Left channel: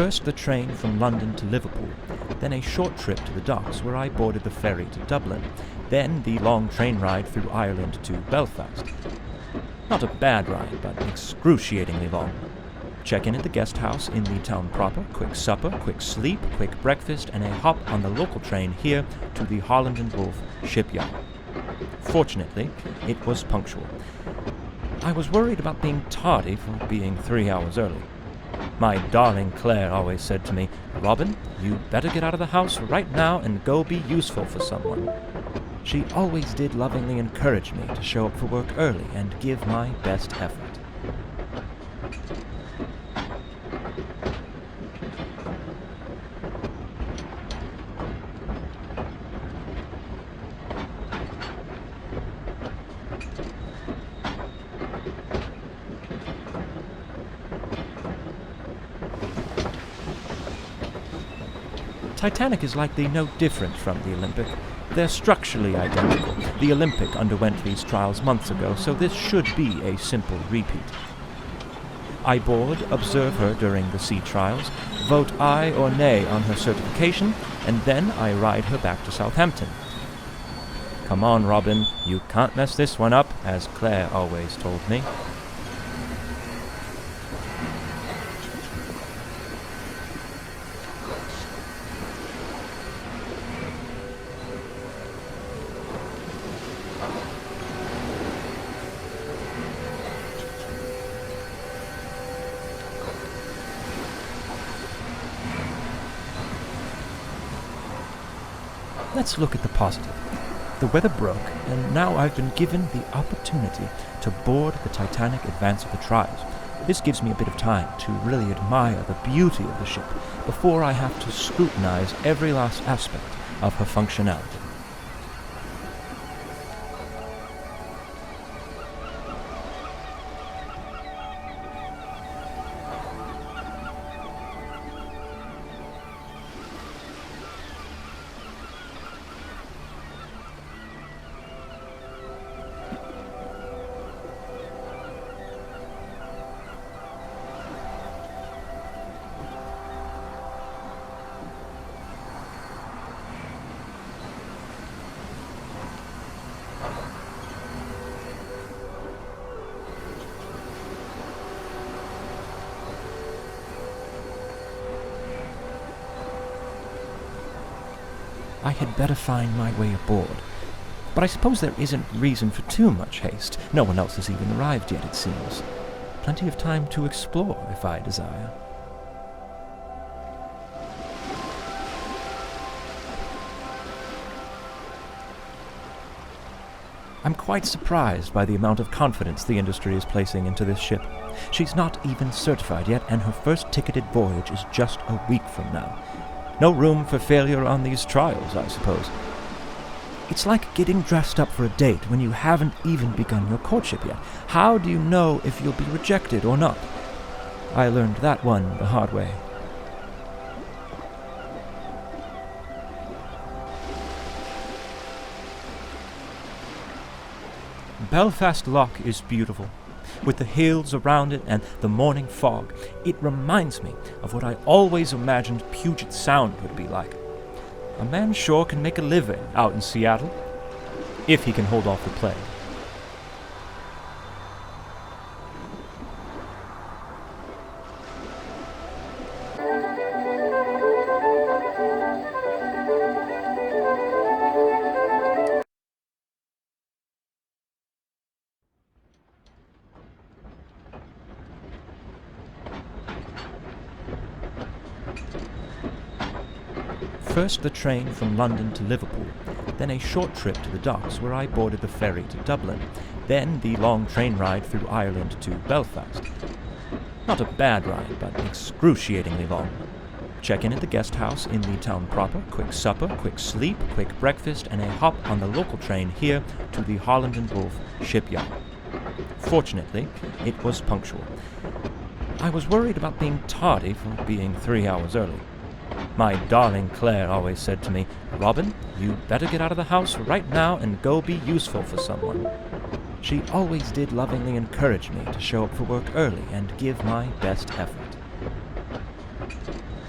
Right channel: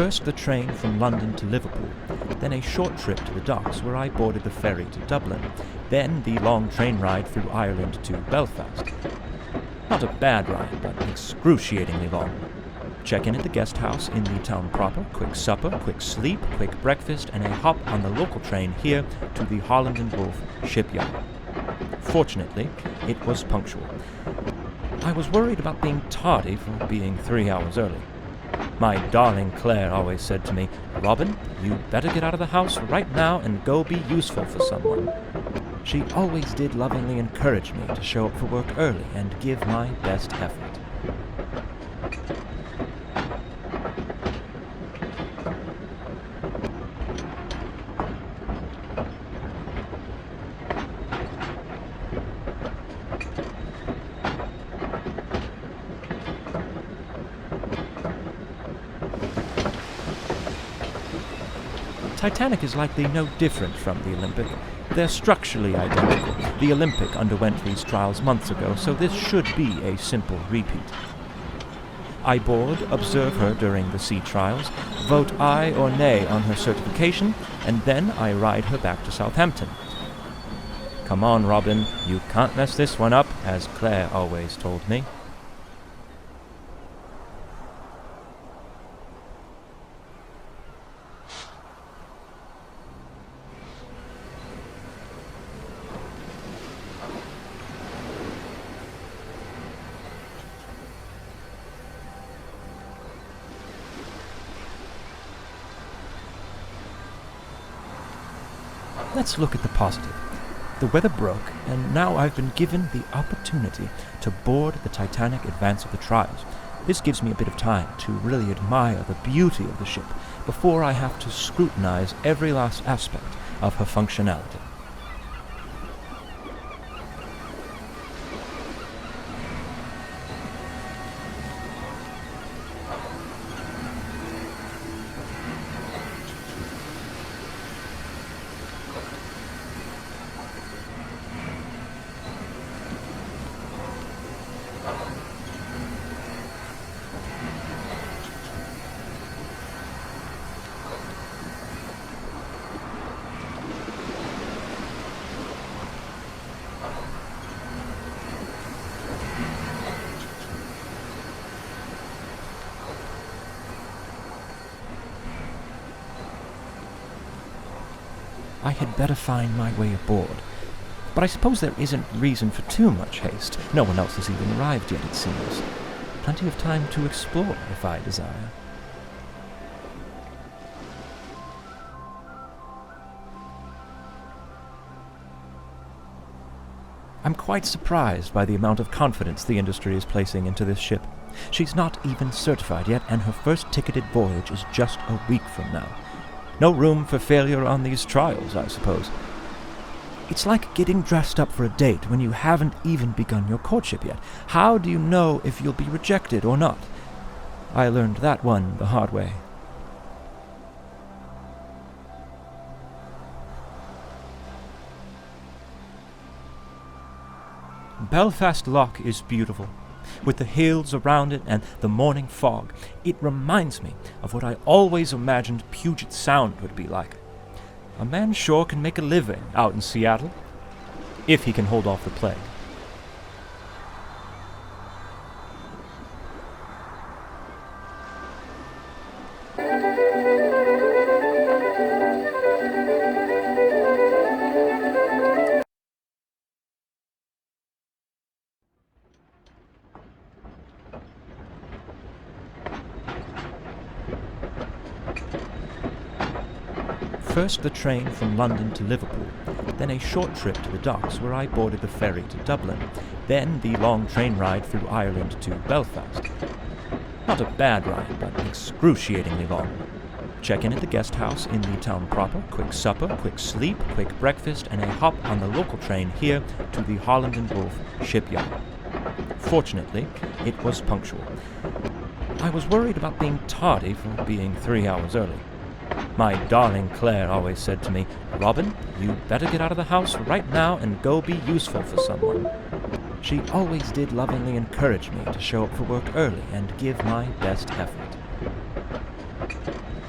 First the train from London to Liverpool, then a short trip to the docks where I boarded the ferry to Dublin, then the long train ride through Ireland to Belfast. Not a bad ride, but excruciatingly long. Check-in at the guest house in the town proper, quick supper, quick sleep, quick breakfast, and a hop on the local train here to the Holland and Wolff shipyard. Fortunately, it was punctual. I was worried about being tardy for being 3 hours early. My darling Claire always said to me, "Robin, you better get out of the house right now and go be useful for someone." She always did lovingly encourage me to show up for work early and give my best effort. Titanic is likely no different from the Olympic. They're structurally identical. The Olympic underwent these trials months ago, so this should be a simple repeat. I board, observe her during the sea trials, vote aye or nay on her certification, and then I ride her back to Southampton. Come on, Robin, you can't mess this one up, as Claire always told me. Let's look at the positive. The weather broke, and now I've been given the opportunity to board the Titanic advance of the trials. This gives me a bit of time to really admire the beauty of the ship before I have to scrutinize every last aspect of her functionality. I had better find my way aboard. But I suppose there isn't reason for too much haste. No one else has even arrived yet, it seems. Plenty of time to explore, if I desire. I'm quite surprised by the amount of confidence the industry is placing into this ship. She's not even certified yet, and her first ticketed voyage is just a week from now. No room for failure on these trials, I suppose. It's like getting dressed up for a date when you haven't even begun your courtship yet. How do you know if you'll be rejected or not? I learned that one the hard way. Belfast Lough is beautiful. With the hills around it and the morning fog, it reminds me of what I always imagined Puget Sound would be like. A man sure can make a living out in Seattle, if he can hold off the plague. First the train from London to Liverpool, then a short trip to the docks where I boarded the ferry to Dublin, then the long train ride through Ireland to Belfast. Not a bad ride, but excruciatingly long. Check-in at the guest house in the town proper, quick supper, quick sleep, quick breakfast, and a hop on the local train here to the Holland and Wolff shipyard. Fortunately, it was punctual. I was worried about being tardy for being 3 hours early. My darling Claire always said to me, "Robin, you better get out of the house right now and go be useful for someone." She always did lovingly encourage me to show up for work early and give my best effort.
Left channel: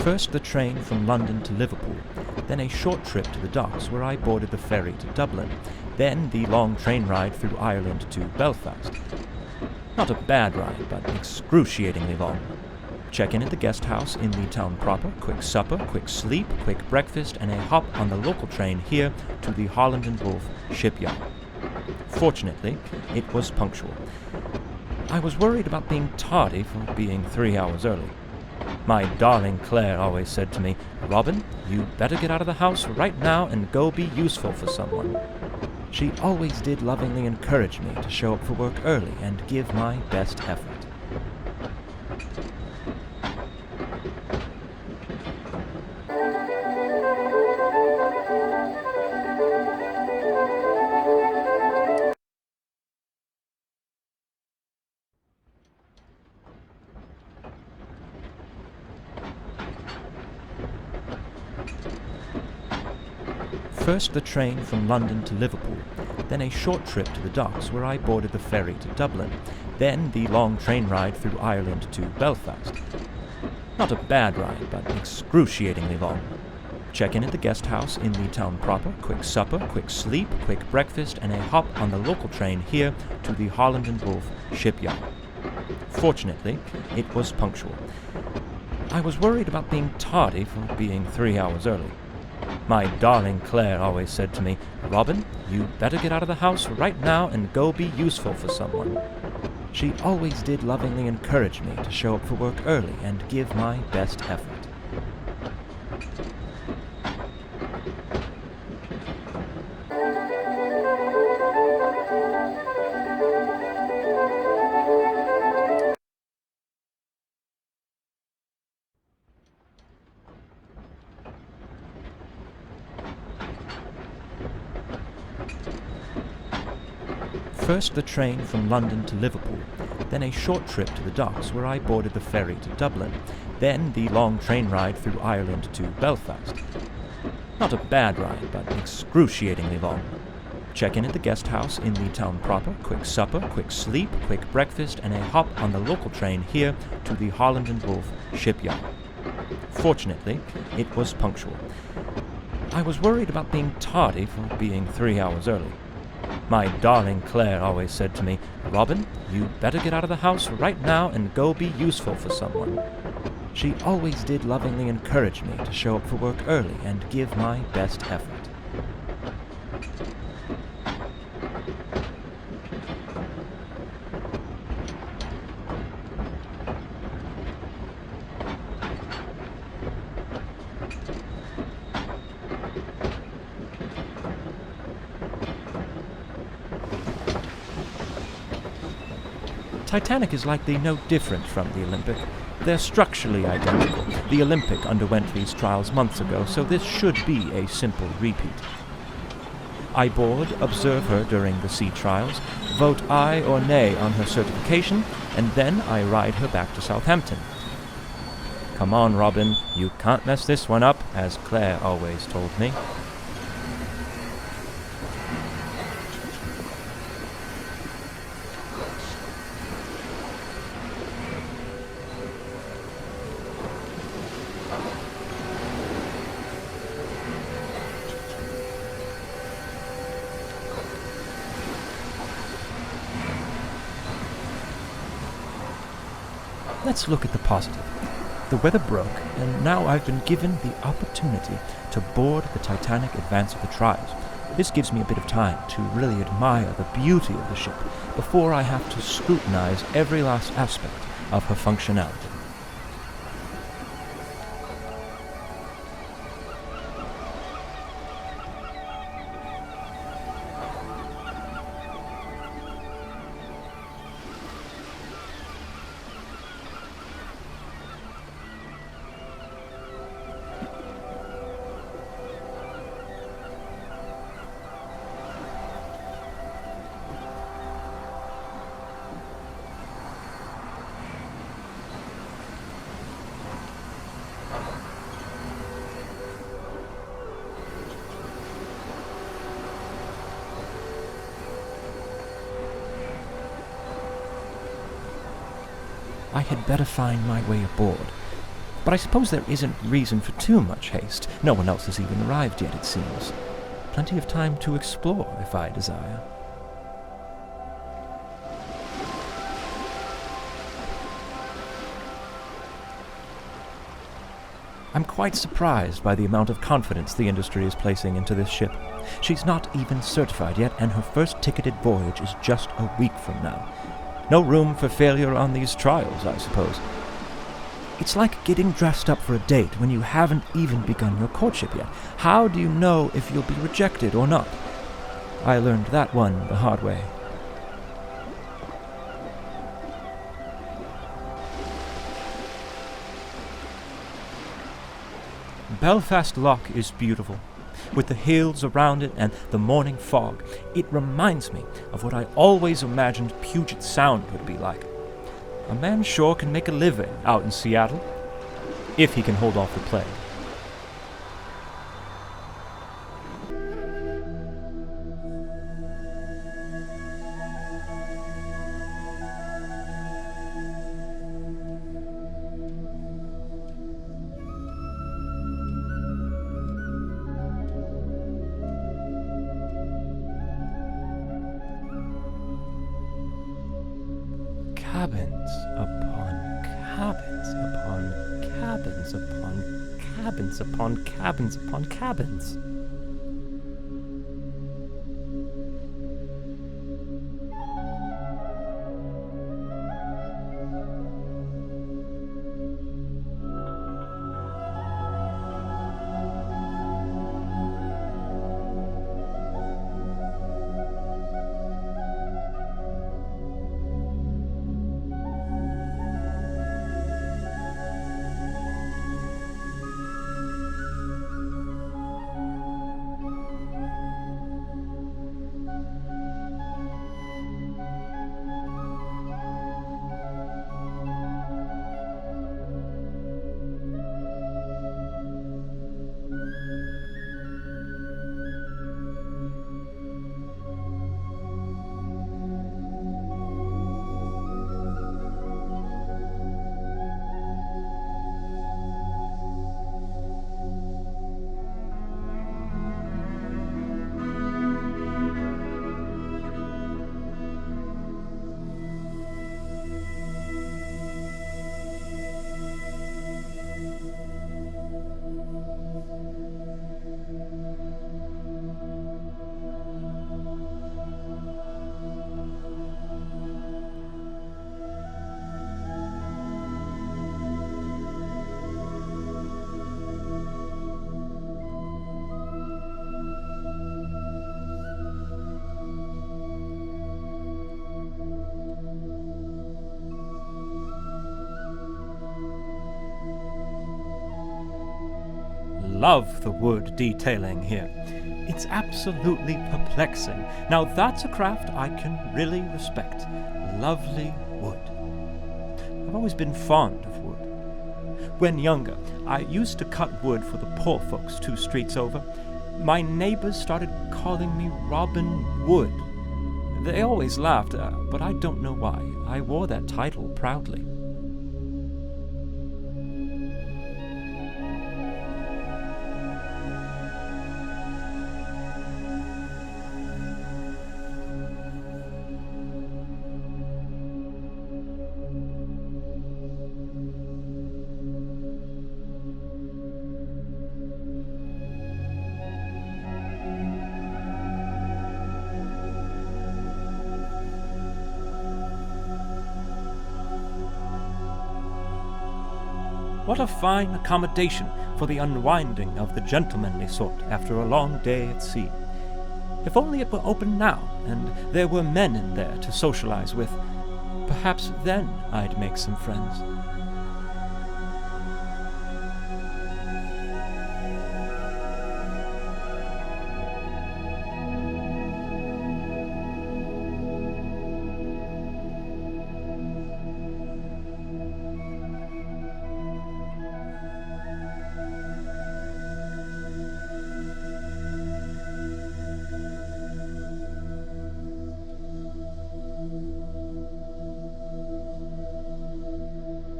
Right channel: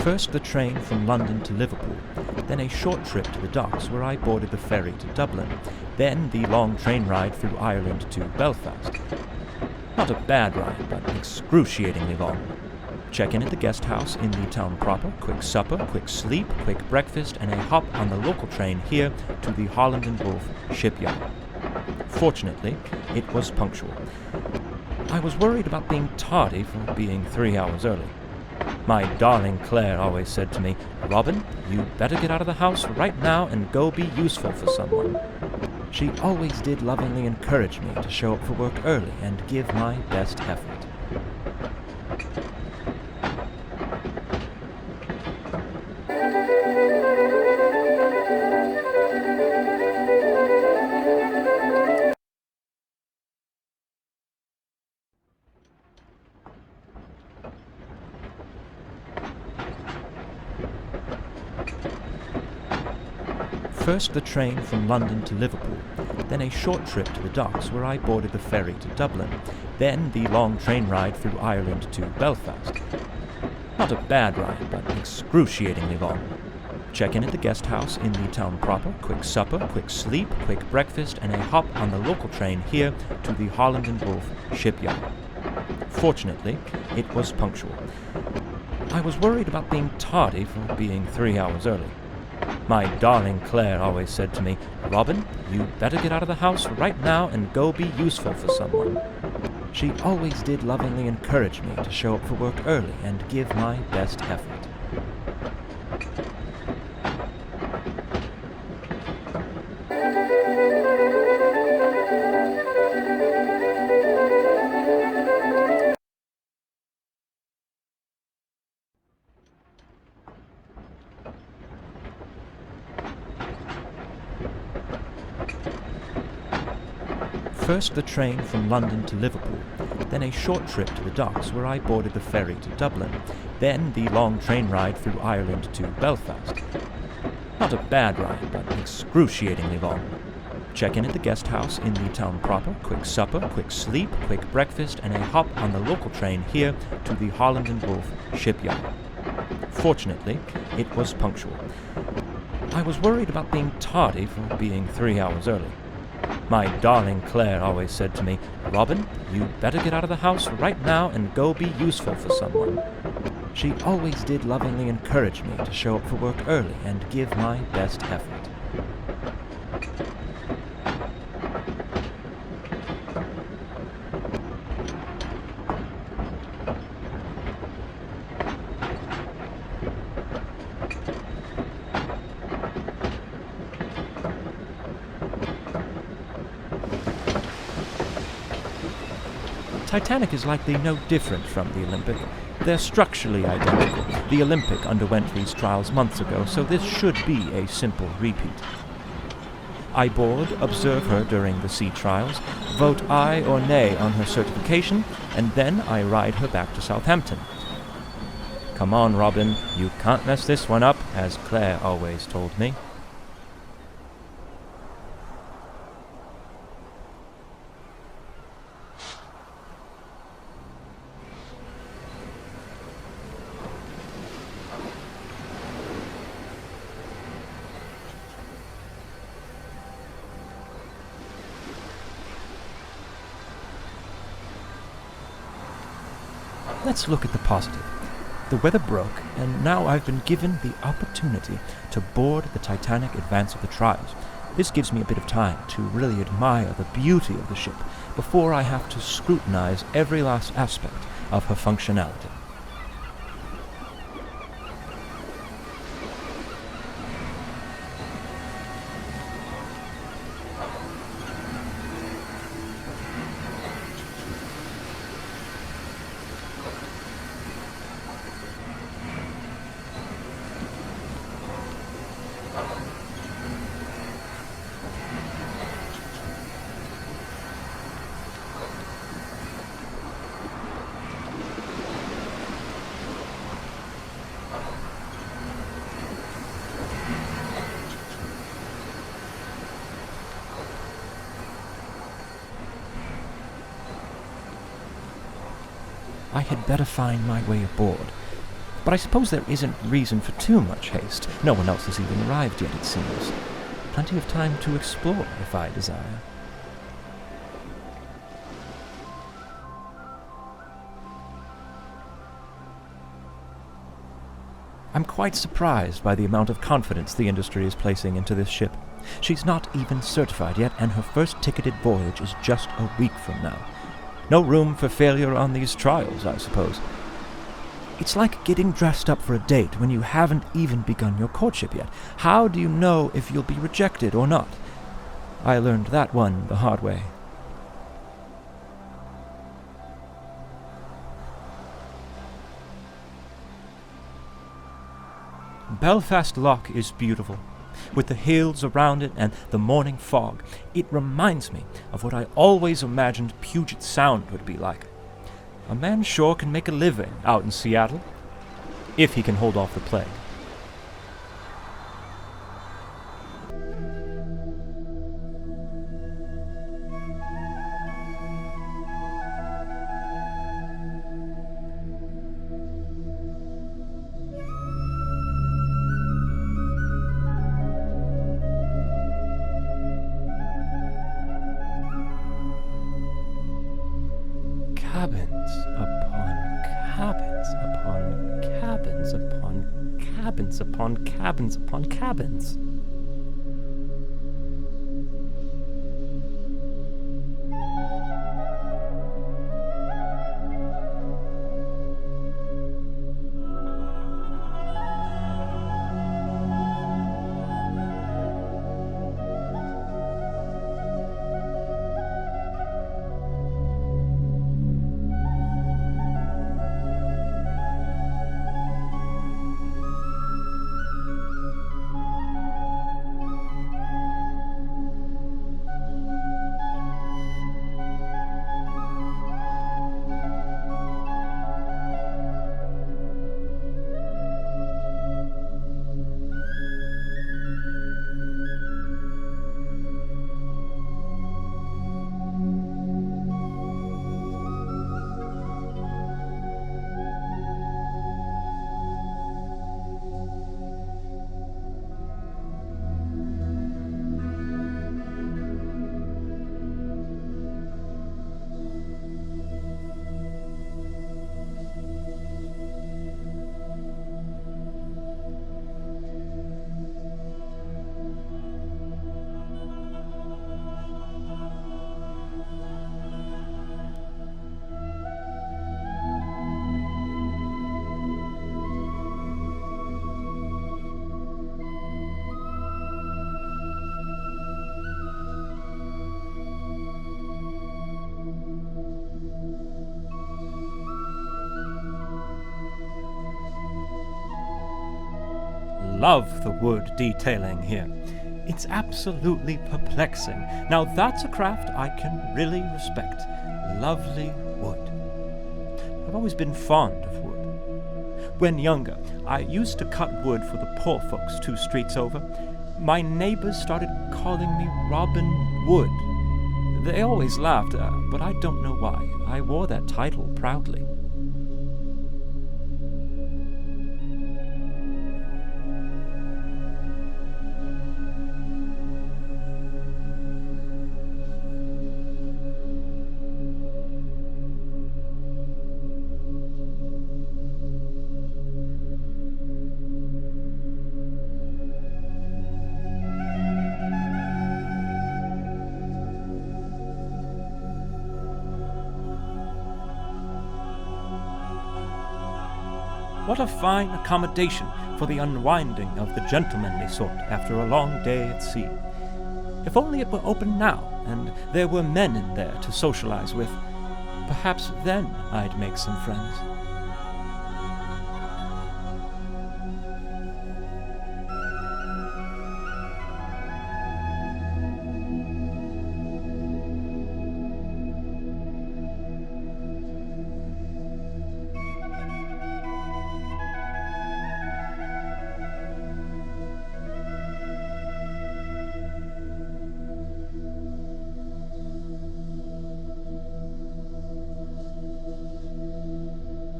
First the train from London to Liverpool, then a short trip to the docks where I boarded the ferry to Dublin, then the long train ride through Ireland to Belfast. Not a bad ride, but excruciatingly long. Check-in at the guest house in the town proper, quick supper, quick sleep, quick breakfast, and a hop on the local train here to the Holland and Wolff shipyard. Fortunately, it was punctual. I was worried about being tardy for being 3 hours early. My darling Claire always said to me, "Robin, you better get out of the house right now and go be useful for someone." She always did lovingly encourage me to show up for work early and give my best effort. First the train from London to Liverpool, then a short trip to the docks where I boarded the ferry to Dublin, then the long train ride through Ireland to Belfast. Not a bad ride, but excruciatingly long. Check-in at the guest house in the town proper, quick supper, quick sleep, quick breakfast, and a hop on the local train here to the Holland and Wolff shipyard. Fortunately, it was punctual. I was worried about being tardy for being 3 hours early. My darling Claire always said to me, "Robin, you better get out of the house right now and go be useful for someone." She always did lovingly encourage me to show up for work early and give my best effort. First the train from London to Liverpool, then a short trip to the docks where I boarded the ferry to Dublin, then the long train ride through Ireland to Belfast. Not a bad ride, but excruciatingly long. Check-in at the guest house in the town proper, quick supper, quick sleep, quick breakfast, and a hop on the local train here to the Holland and Wolff shipyard. Fortunately, it was punctual. I was worried about being tardy for being 3 hours early. My darling Claire always said to me, "Robin, you better get out of the house right now and go be useful for someone." She always did lovingly encourage me to show up for work early and give my best effort. Titanic is likely no different from the Olympic. They're structurally identical. The Olympic underwent these trials months ago, so this should be a simple repeat. I board, observe her during the sea trials, vote aye or nay on her certification, and then I ride her back to Southampton. "Come on, Robin, you can't mess this one up," as Claire always told me. Let's look at the positive. The weather broke, and now I've been given the opportunity to board the Titanic advance of the trials. This gives me a bit of time to really admire the beauty of the ship before I have to scrutinize every last aspect of her functionality. I had better find my way aboard. But I suppose there isn't reason for too much haste. No one else has even arrived yet, it seems. Plenty of time to explore, if I desire. I'm quite surprised by the amount of confidence the industry is placing into this ship. She's not even certified yet, and her first ticketed voyage is just a week from now. No room for failure on these trials, I suppose. It's like getting dressed up for a date when you haven't even begun your courtship yet. How do you know if you'll be rejected or not? I learned that one the hard way. Belfast Loch is beautiful, with the hills around it and the morning fog. It reminds me of what I always imagined Puget Sound would be like. A man sure can make a living out in Seattle, if he can hold off the plague. Cabins upon cabins upon cabins upon cabins upon cabins upon cabins. Love the wood detailing here. It's absolutely perplexing. Now that's a craft I can really respect. Lovely wood. I've always been fond of wood. When younger, I used to cut wood for the poor folks 2 streets over. My neighbors started calling me Robin Wood. They always laughed, but I don't know why. I wore that title proudly. What a fine accommodation for the unwinding of the gentlemanly sort after a long day at sea. If only it were open now, and there were men in there to socialize with. Perhaps then I'd make some friends.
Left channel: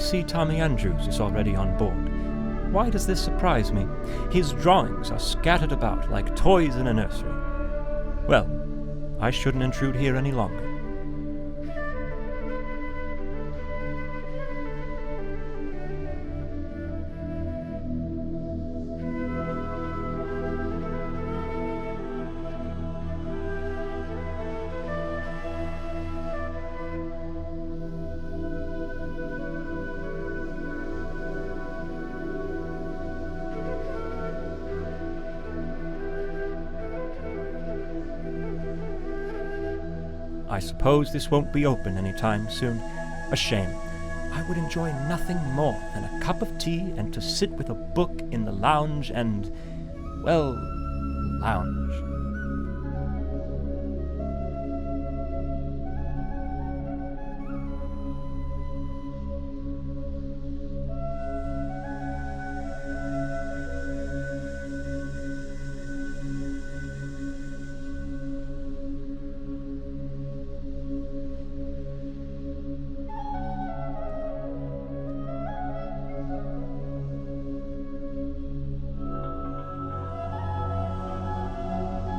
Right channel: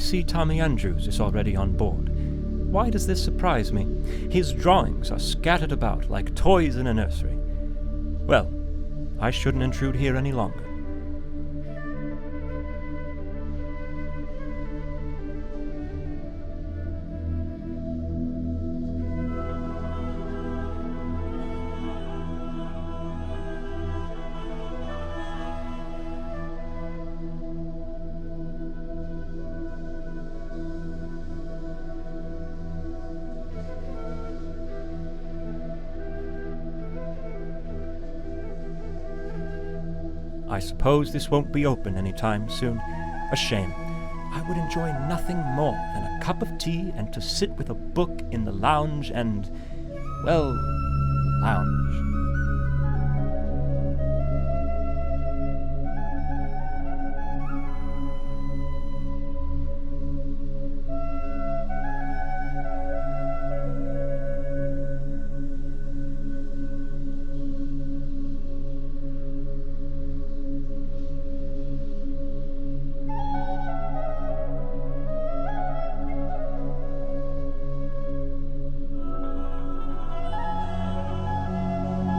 see Tommy Andrews is already on board. Why does this surprise me? His drawings are scattered about like toys in a nursery. Well, I shouldn't intrude here any longer. I suppose this won't be open any time soon. A shame. I would enjoy nothing more than a cup of tea and to sit with a book in the lounge and, well, lounge.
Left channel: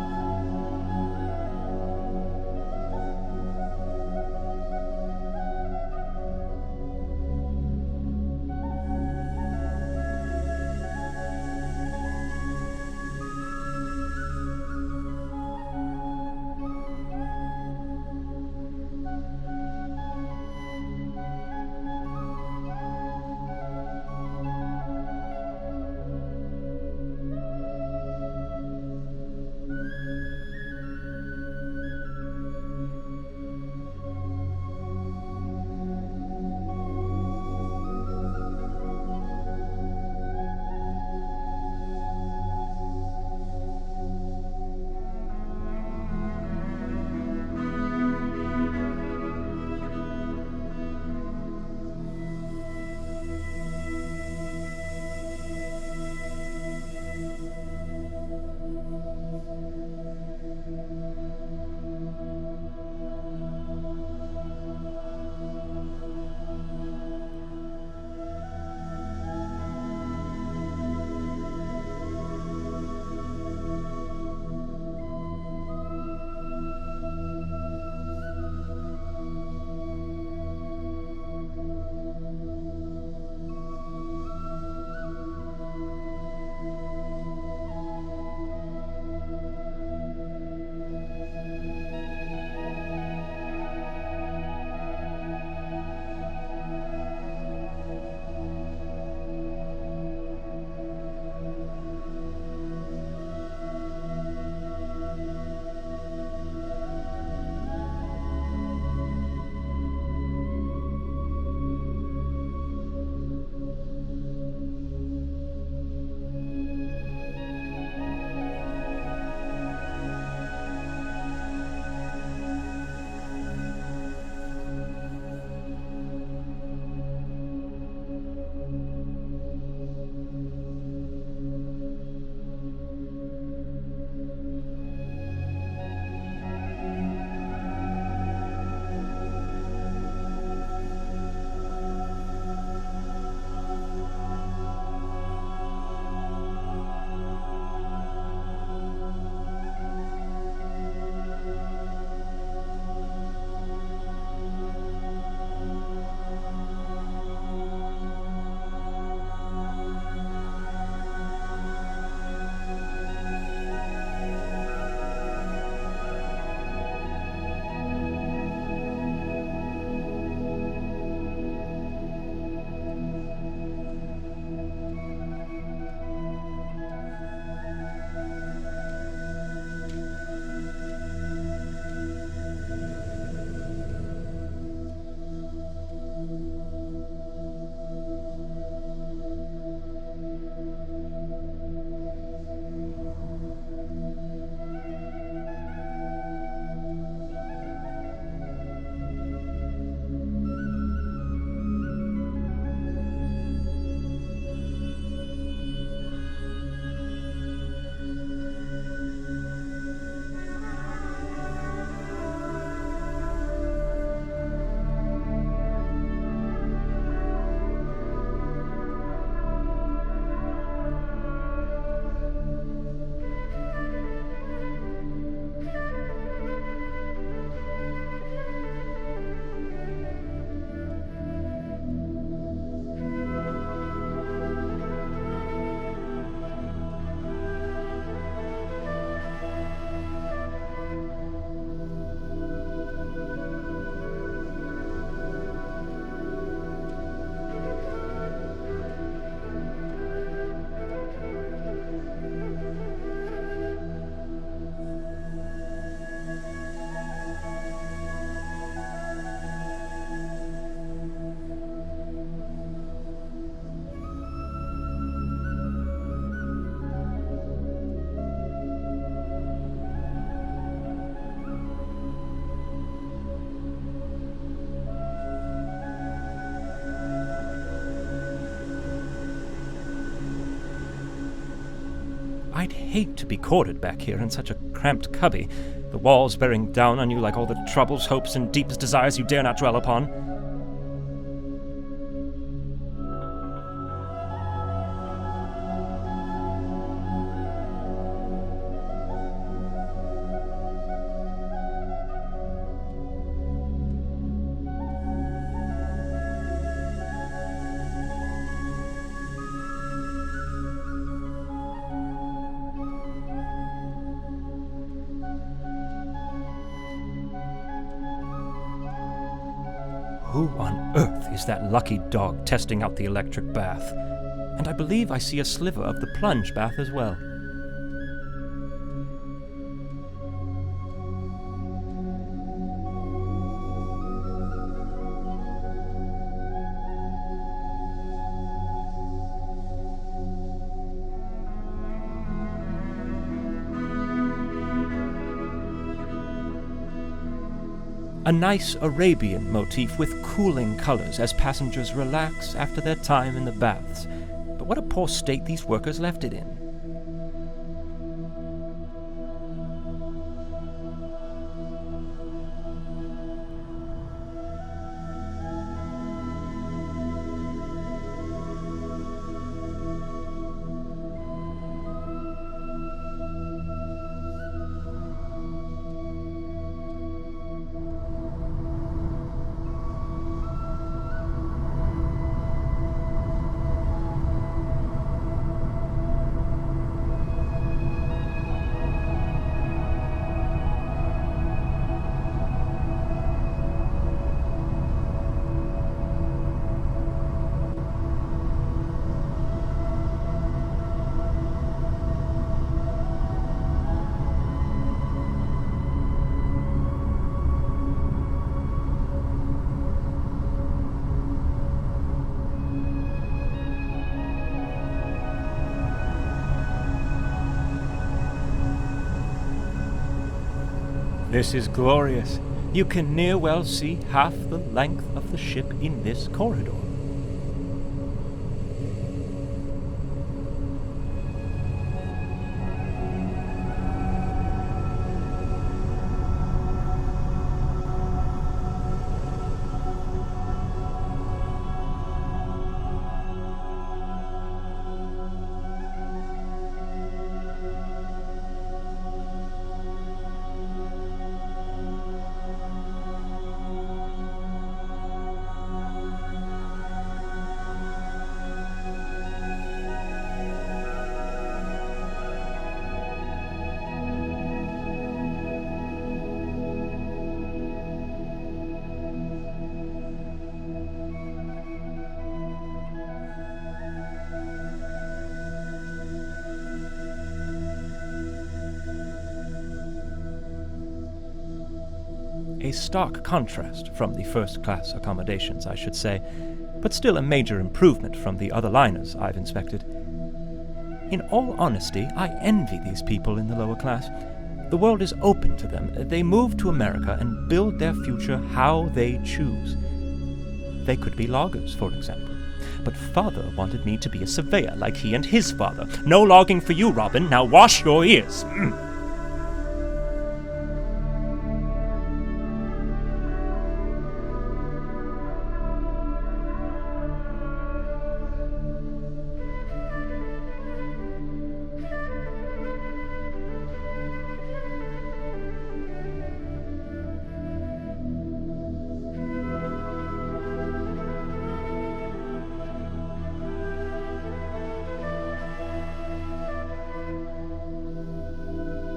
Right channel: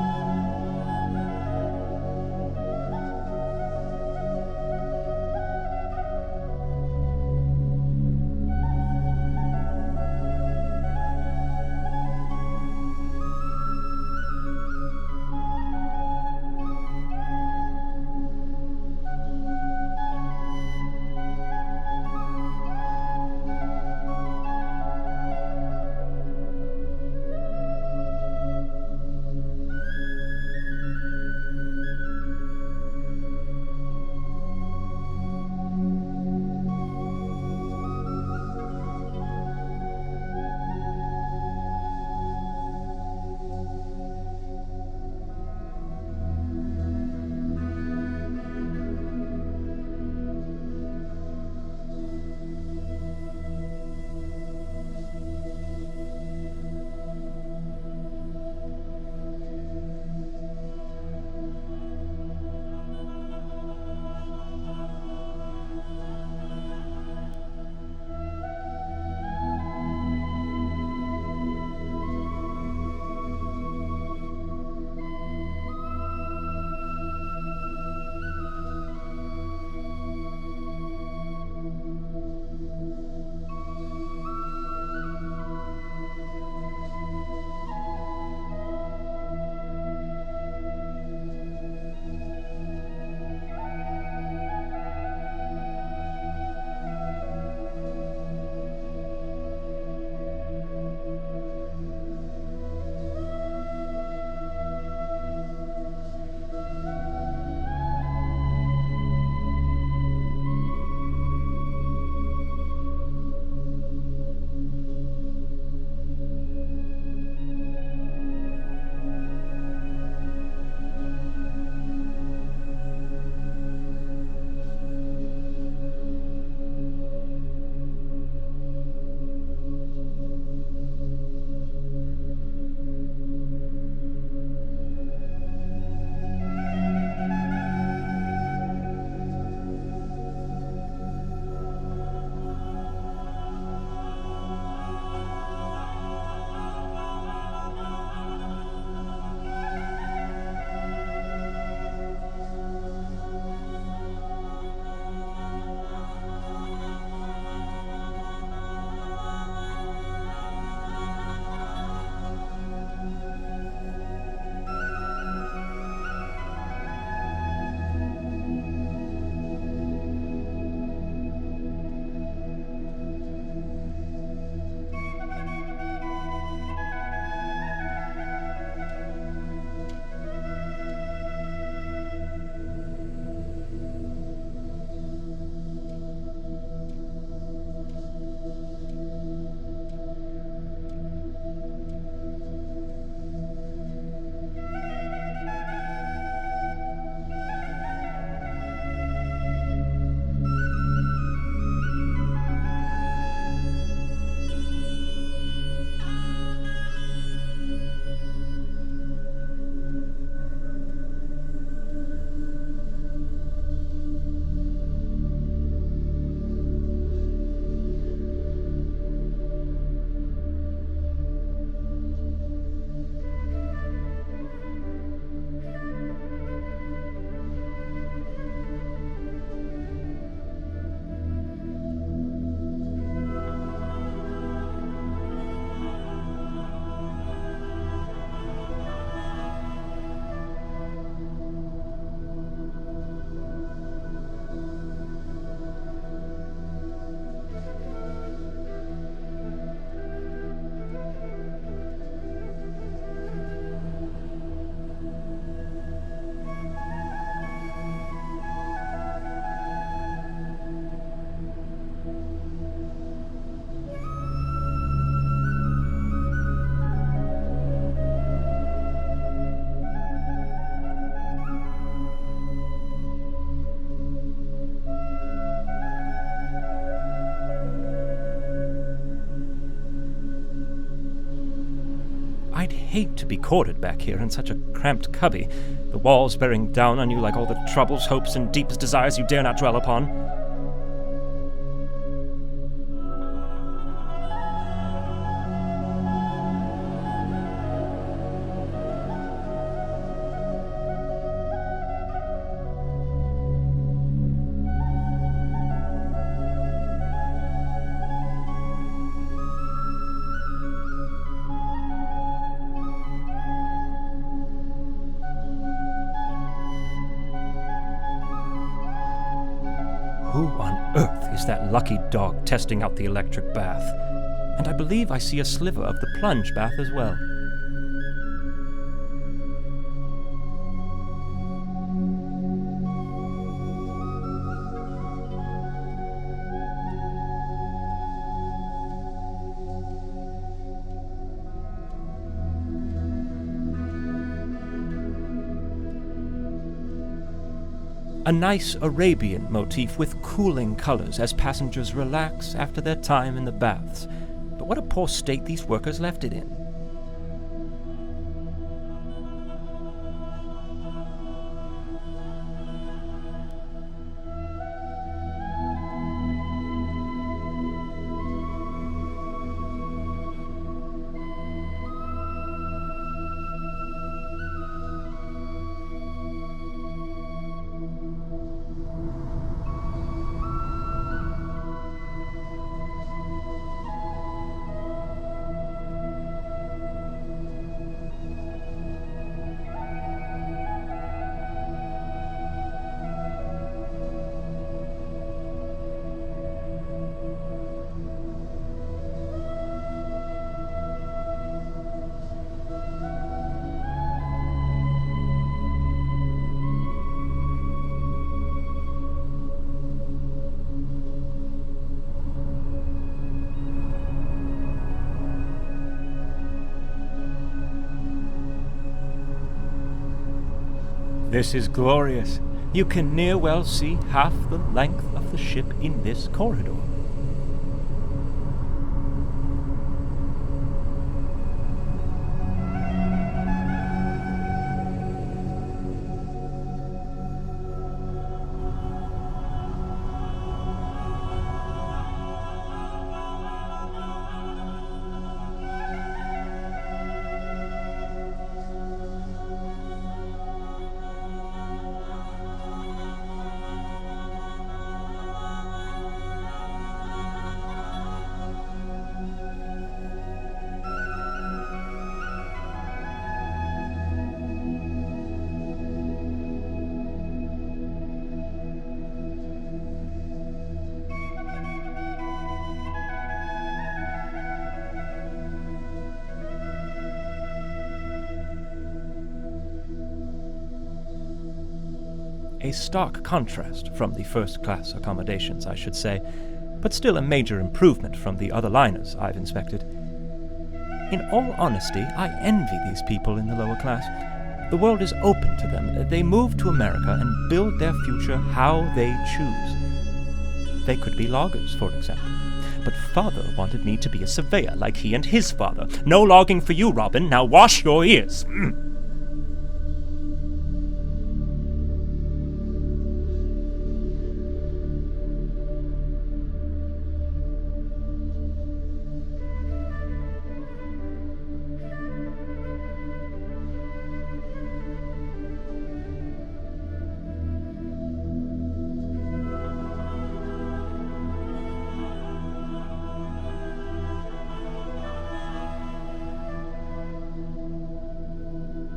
I'd hate to be quartered back here in such a cramped cubby, the walls bearing down on you like all the troubles, hopes, and deepest desires you dare not dwell upon. Who on earth is that lucky dog testing out the electric bath? And I believe I see a sliver of the plunge bath as well. A nice Arabian motif with cooling colors as passengers relax after their time in the baths. But what a poor state these workers left it in. This is glorious. You can near well see half the length of the ship in this corridor. A stark contrast from the first-class accommodations, I should say, but still a major improvement from the other liners I've inspected. In all honesty, I envy these people in the lower class. The world is open to them. They move to America and build their future how they choose. They could be loggers, for example. But father wanted me to be a surveyor like he and his father. No logging for you, Robin. Now wash your ears.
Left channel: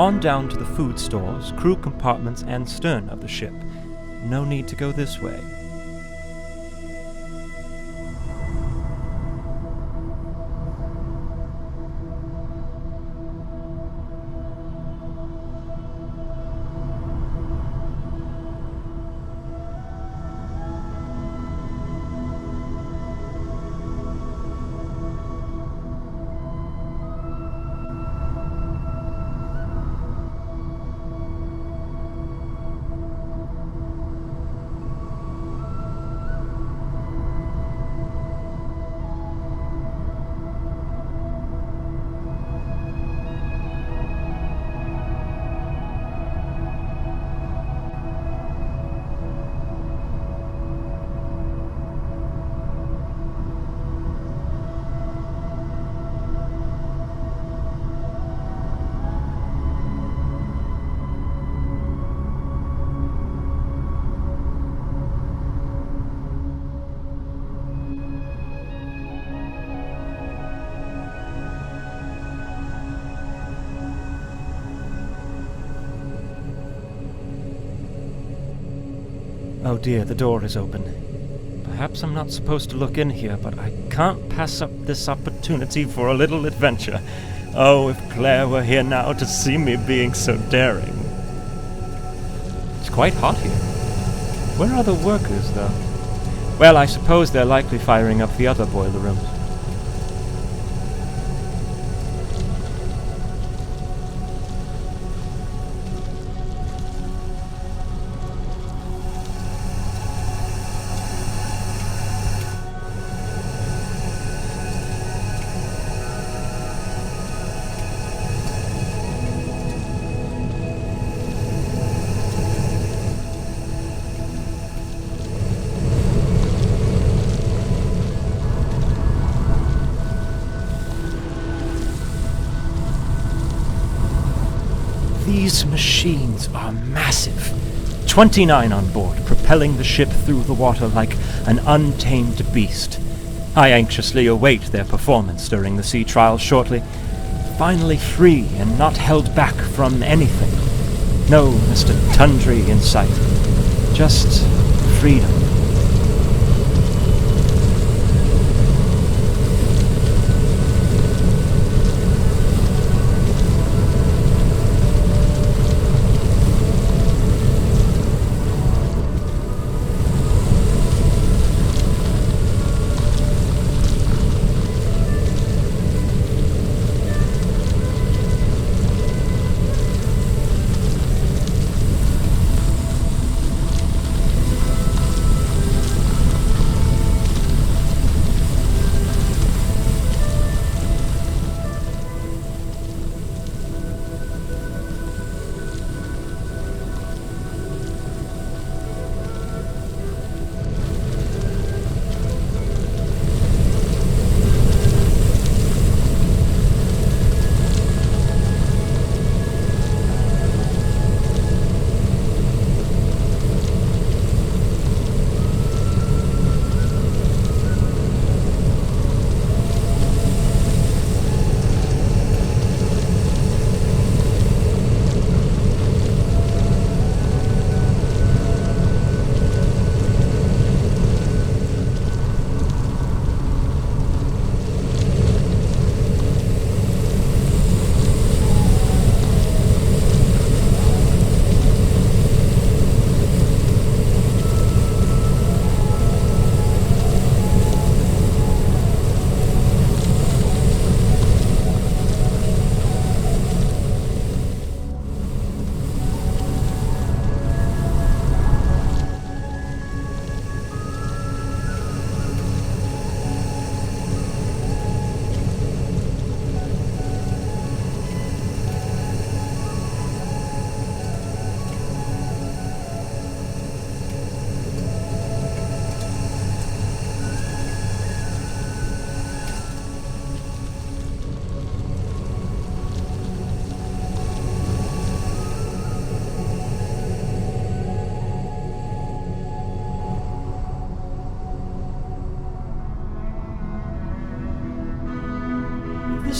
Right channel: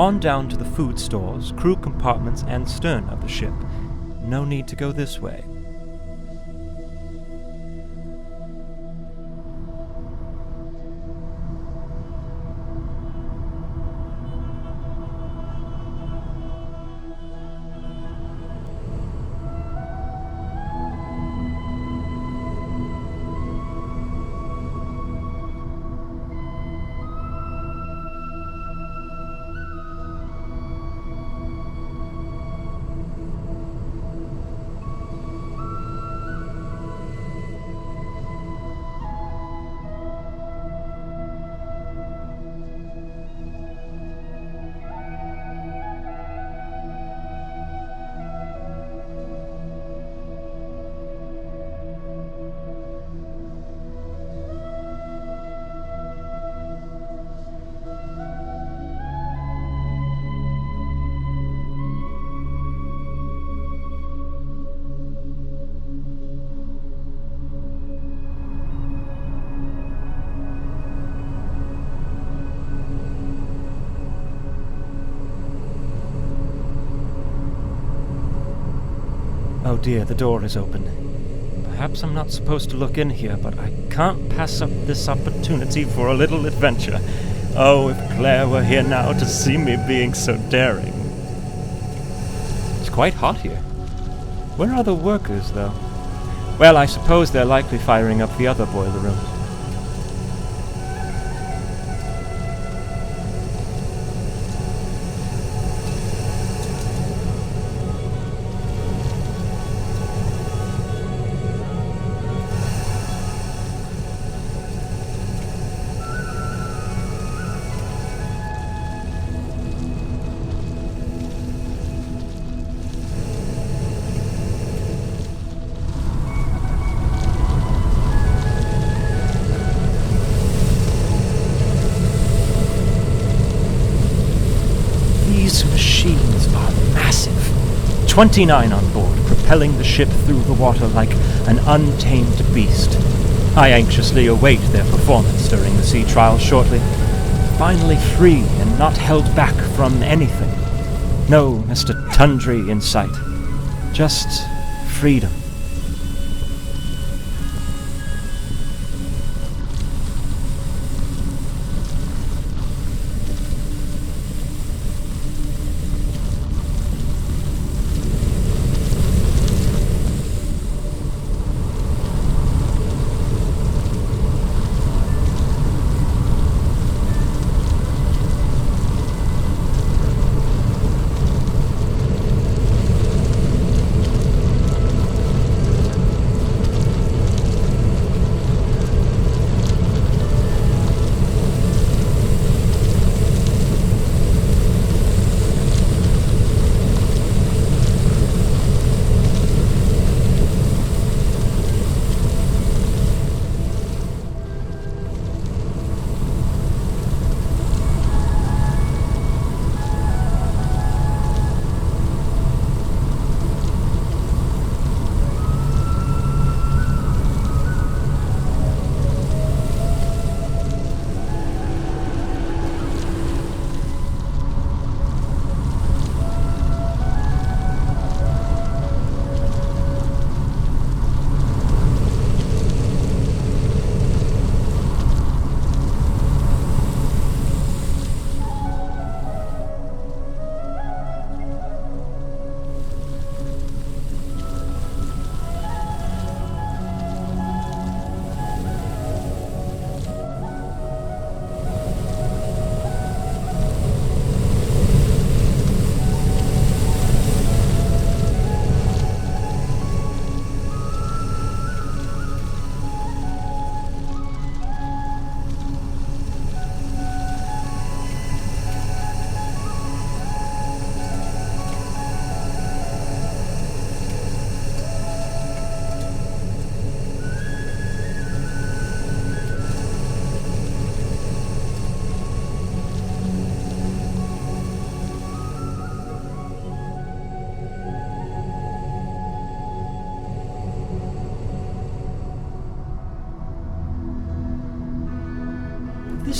On down to the food stores, crew compartments, and stern of the ship. No need to go this way. Oh dear, the door is open. Perhaps I'm not supposed to look in here, but I can't pass up this opportunity for a little adventure. Oh, if Claire were here now to see me being so daring. It's quite hot here. Where are the workers, though? Well, I suppose they're likely firing up the other boiler rooms. These machines are massive. 29 on board, propelling the ship through the water like an untamed beast. I anxiously await their performance during the sea trials shortly. Finally free and not held back from anything. No Mr. Tundry in sight. Just freedom.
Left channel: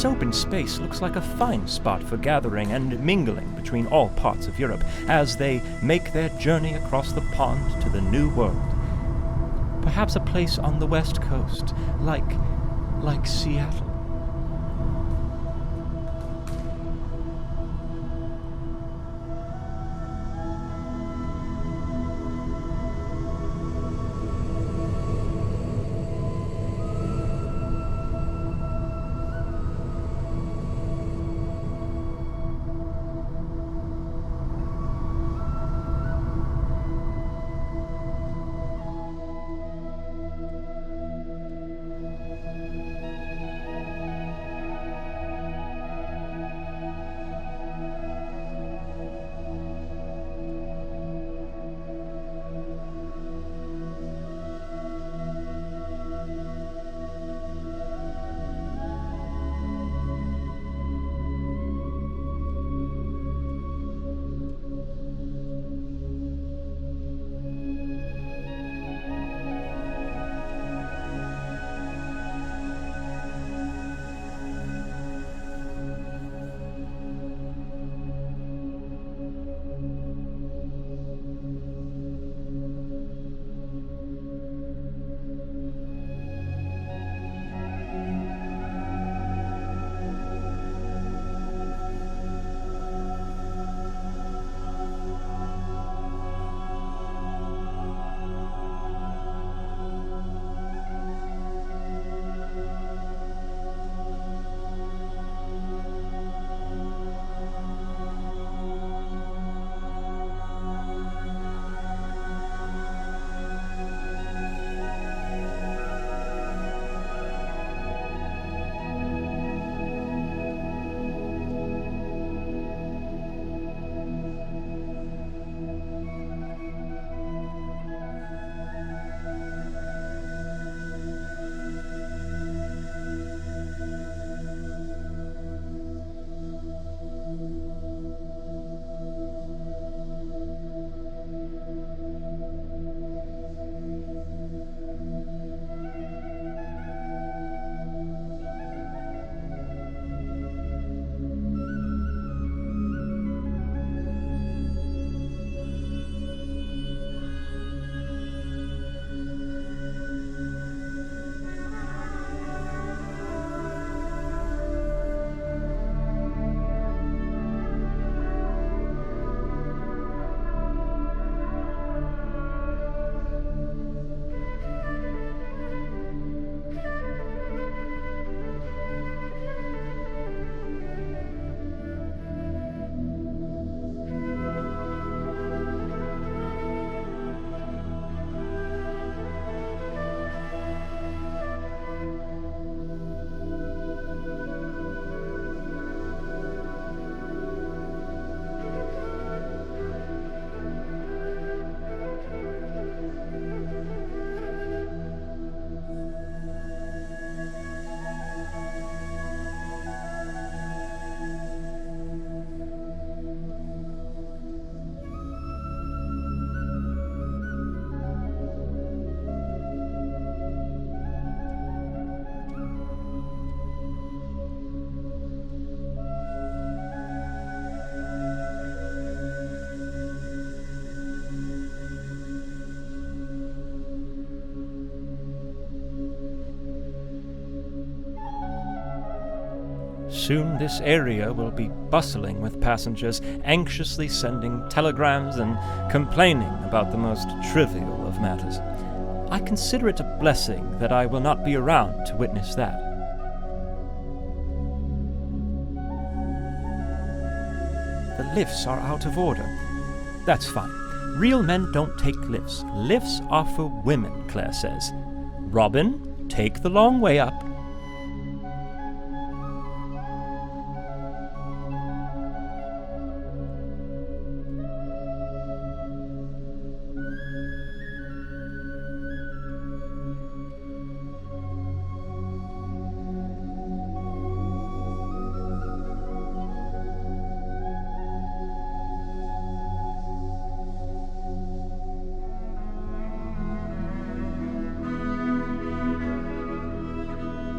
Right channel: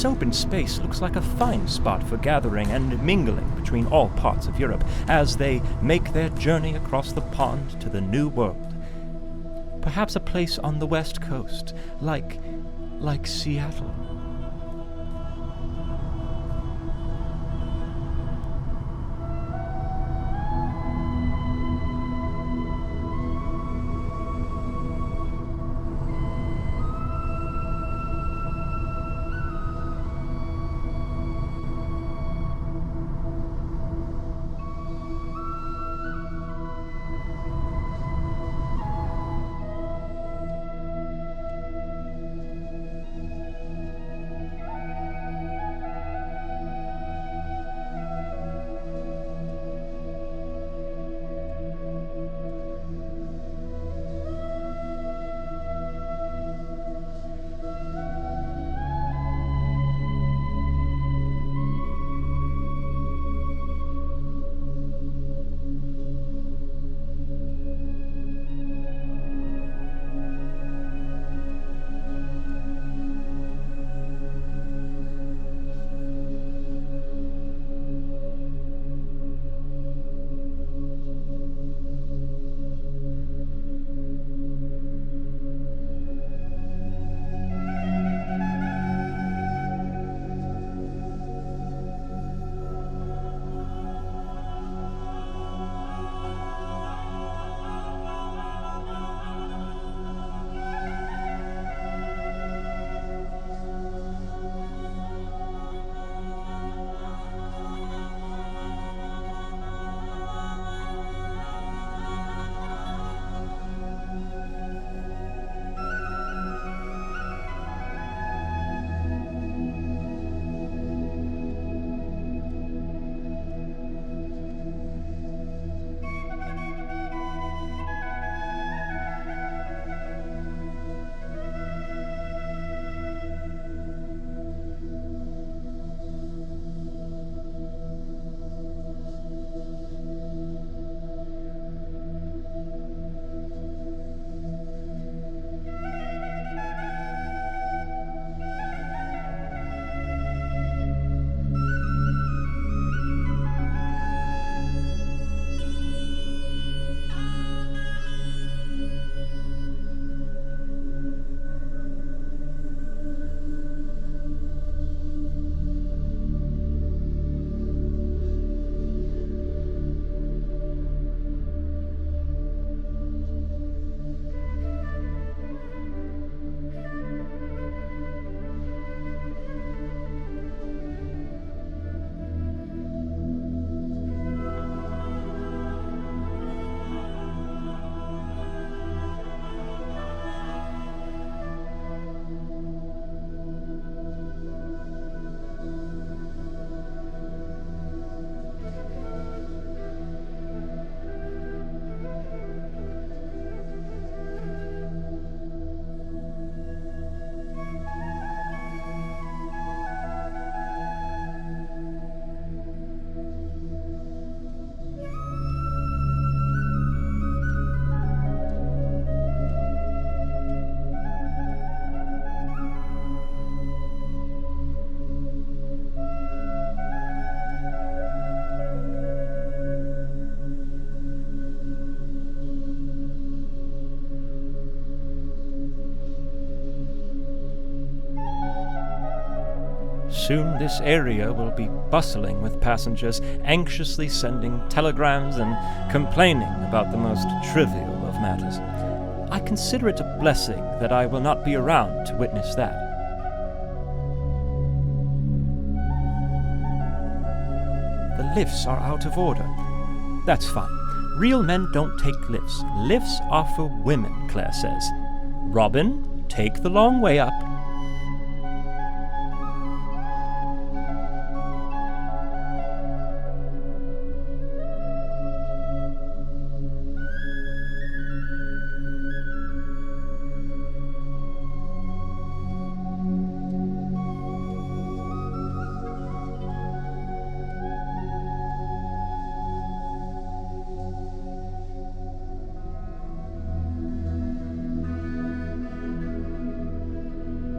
This open space looks like a fine spot for gathering and mingling between all parts of Europe as they make their journey across the pond to the New World. Perhaps a place on the West Coast, like Seattle. Soon this area will be bustling with passengers anxiously sending telegrams and complaining about the most trivial of matters. I consider it a blessing that I will not be around to witness that. The lifts are out of order. That's fine. Real men don't take lifts. Lifts are for women, Claire says. Robin, take the long way up.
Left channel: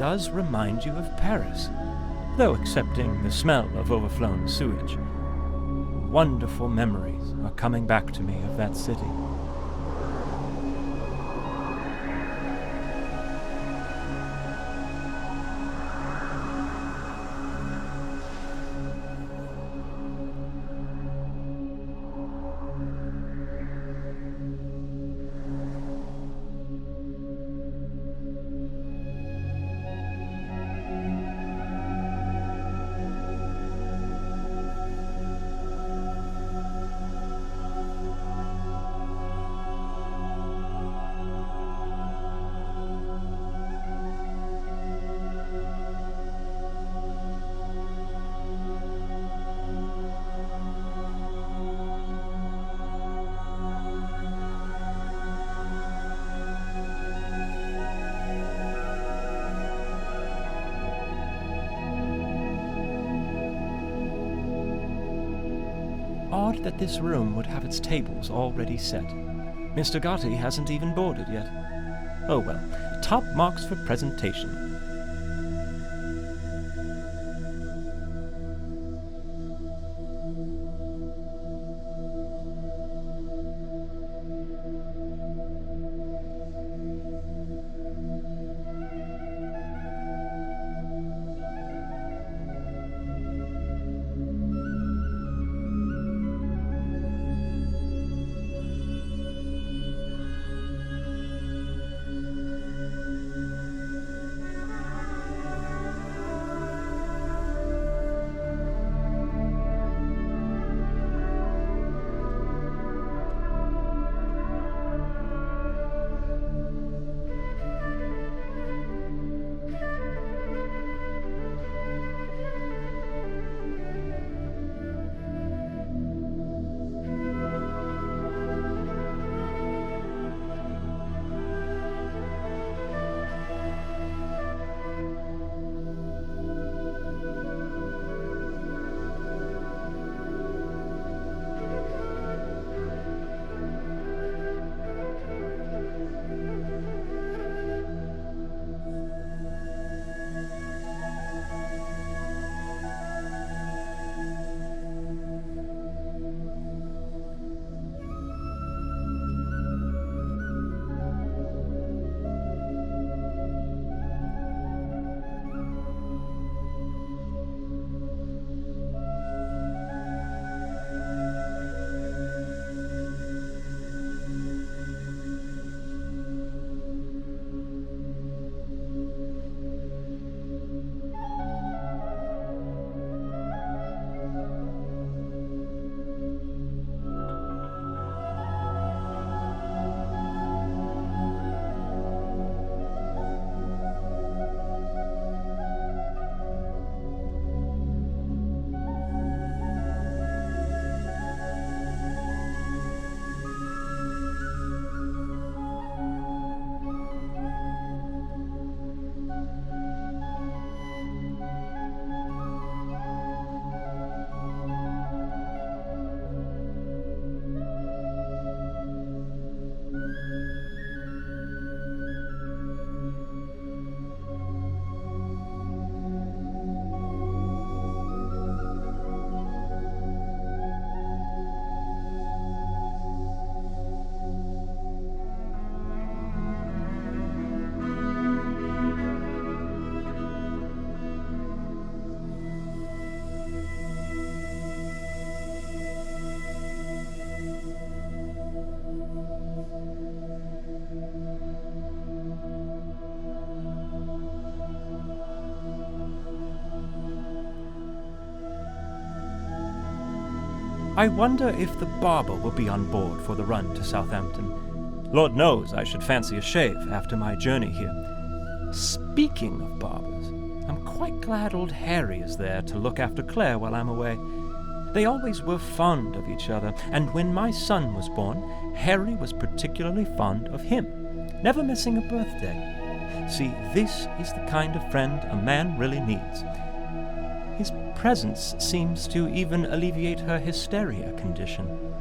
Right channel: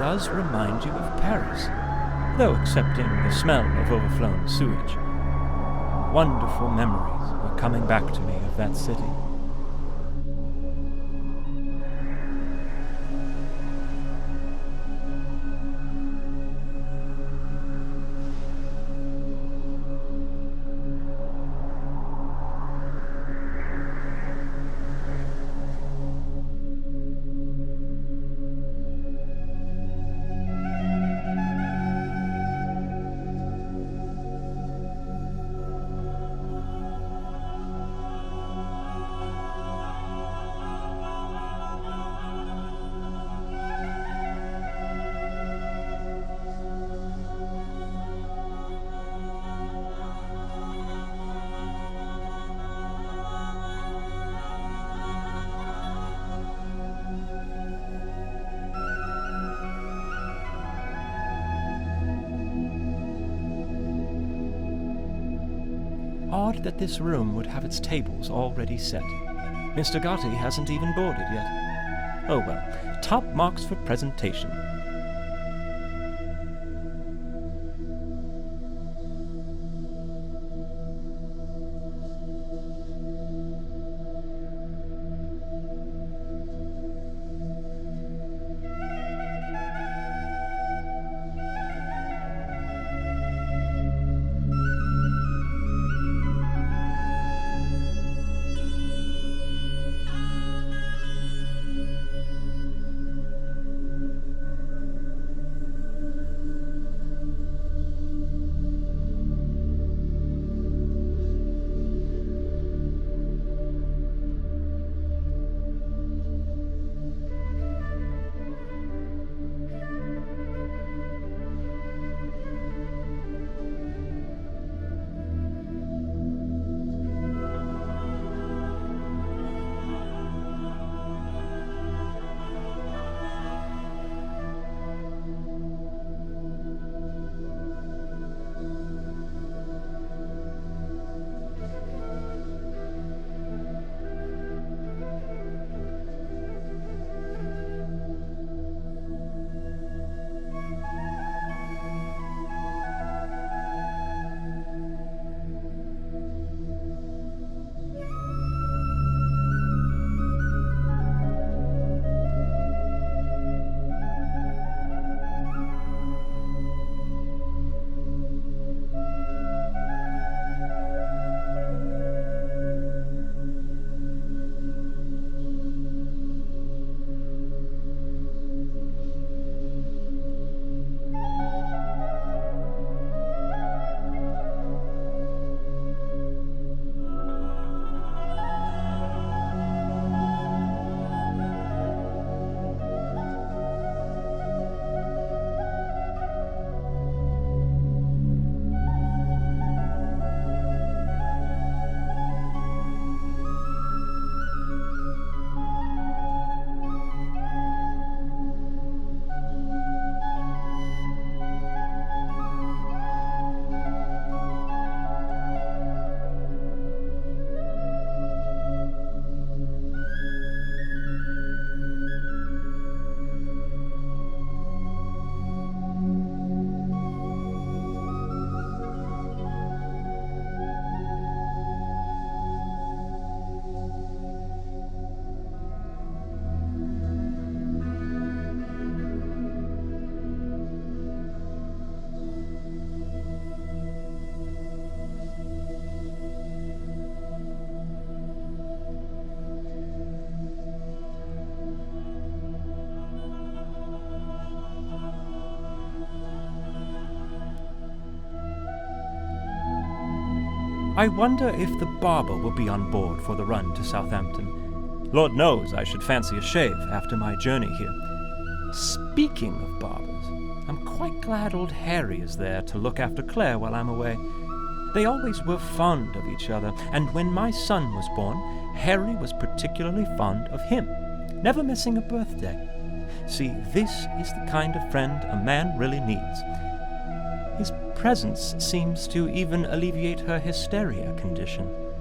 does remind you of Paris, though excepting the smell of overflown sewage. Wonderful memories are coming back to me of that city. Odd that this room would have its tables already set. Mr. Gotti hasn't even boarded yet. Oh well, top marks for presentation. I wonder if the barber will be on board for the run to Southampton. Lord knows I should fancy a shave after my journey here. Speaking of barbers, I'm quite glad old Harry is there to look after Claire while I'm away. They always were fond of each other, and when my son was born, Harry was particularly fond of him, never missing a birthday. See, this is the kind of friend a man really needs. His presence seems to even alleviate her hysteria condition.